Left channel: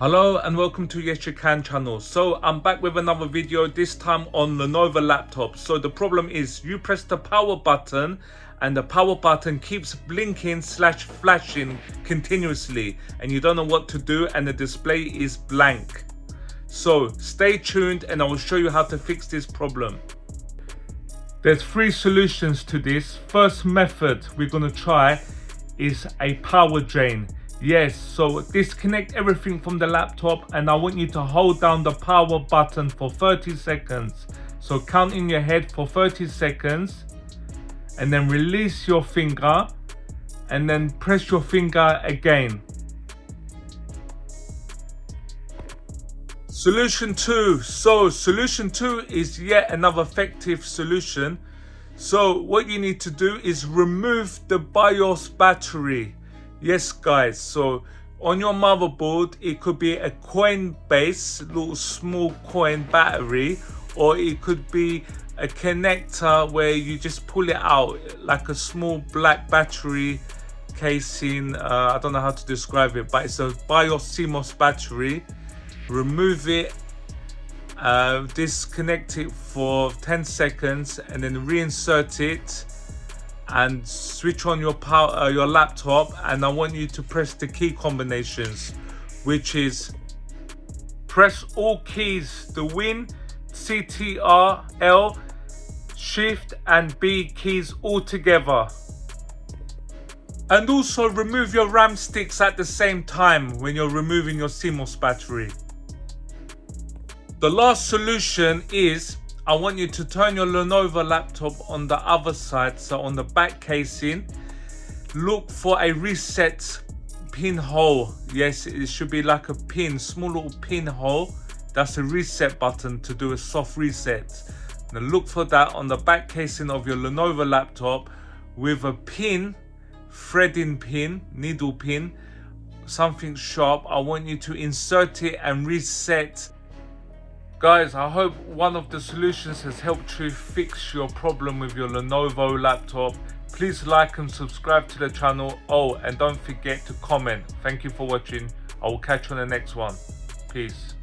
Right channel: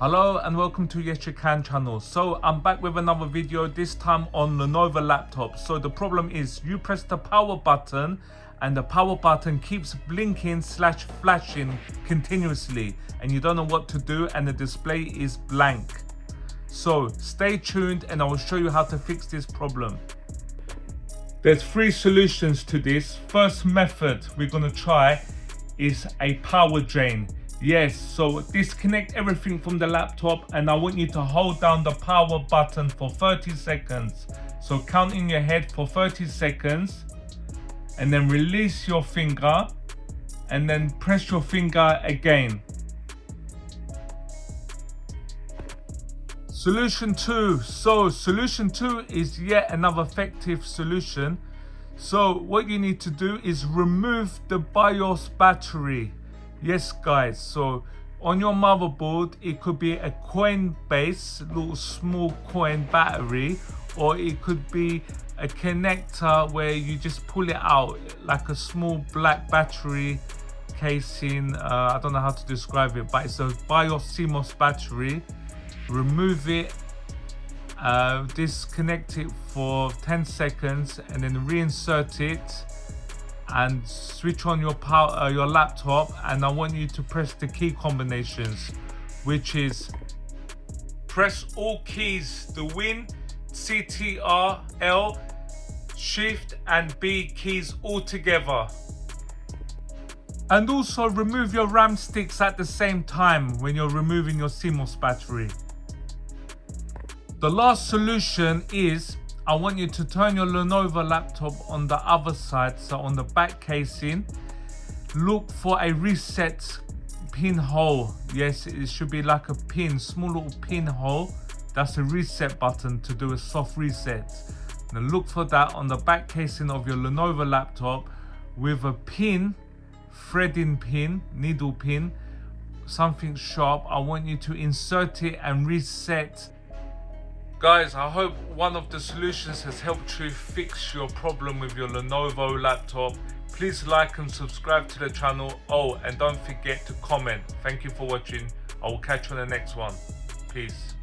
Hello and welcome to Yes You Can channel. So I'm back with another video, this time on Lenovo laptop. So the problem is you press the power button and the power button keeps blinking / flashing continuously and you don't know what to do and the display is blank. So stay tuned and I will show you how to fix this problem. There's three solutions to this. First method we're going to try is a power drain. Yes, so disconnect everything from the laptop and I want you to hold down the power button for 30 seconds. So count in your head for 30 seconds and then release your finger and then press your finger again. Solution 2. So solution 2 is yet another effective solution. So what you need to do is remove the BIOS battery. Yes guys, so on your motherboard it could be a coin base, little small coin battery, or it could be a connector where you just pull it out like a small black battery casing. I don't know how to describe it, but it's a BIOS CMOS battery. Remove it, disconnect it for 10 seconds and then reinsert it and switch on your your laptop, and I want you to press the key combinations, which is press all keys, the Win, CTR, L, Shift and B keys all together. And also remove your RAM sticks at the same time when you're removing your CMOS battery. The last solution is I want you to turn your Lenovo laptop on the other side, so on the back casing, look for a reset pinhole. Yes, it should be like a pin, small little pinhole. That's a reset button to do a soft reset. Now look for that on the back casing of your Lenovo laptop with a pin, threading pin, needle pin, something sharp. I want you to insert it and reset. Guys, I hope one of the solutions has helped you fix your problem with your Lenovo laptop. Please like and subscribe to the channel. Oh, and don't forget to comment. Thank you for watching. I will catch you on the next one. Peace.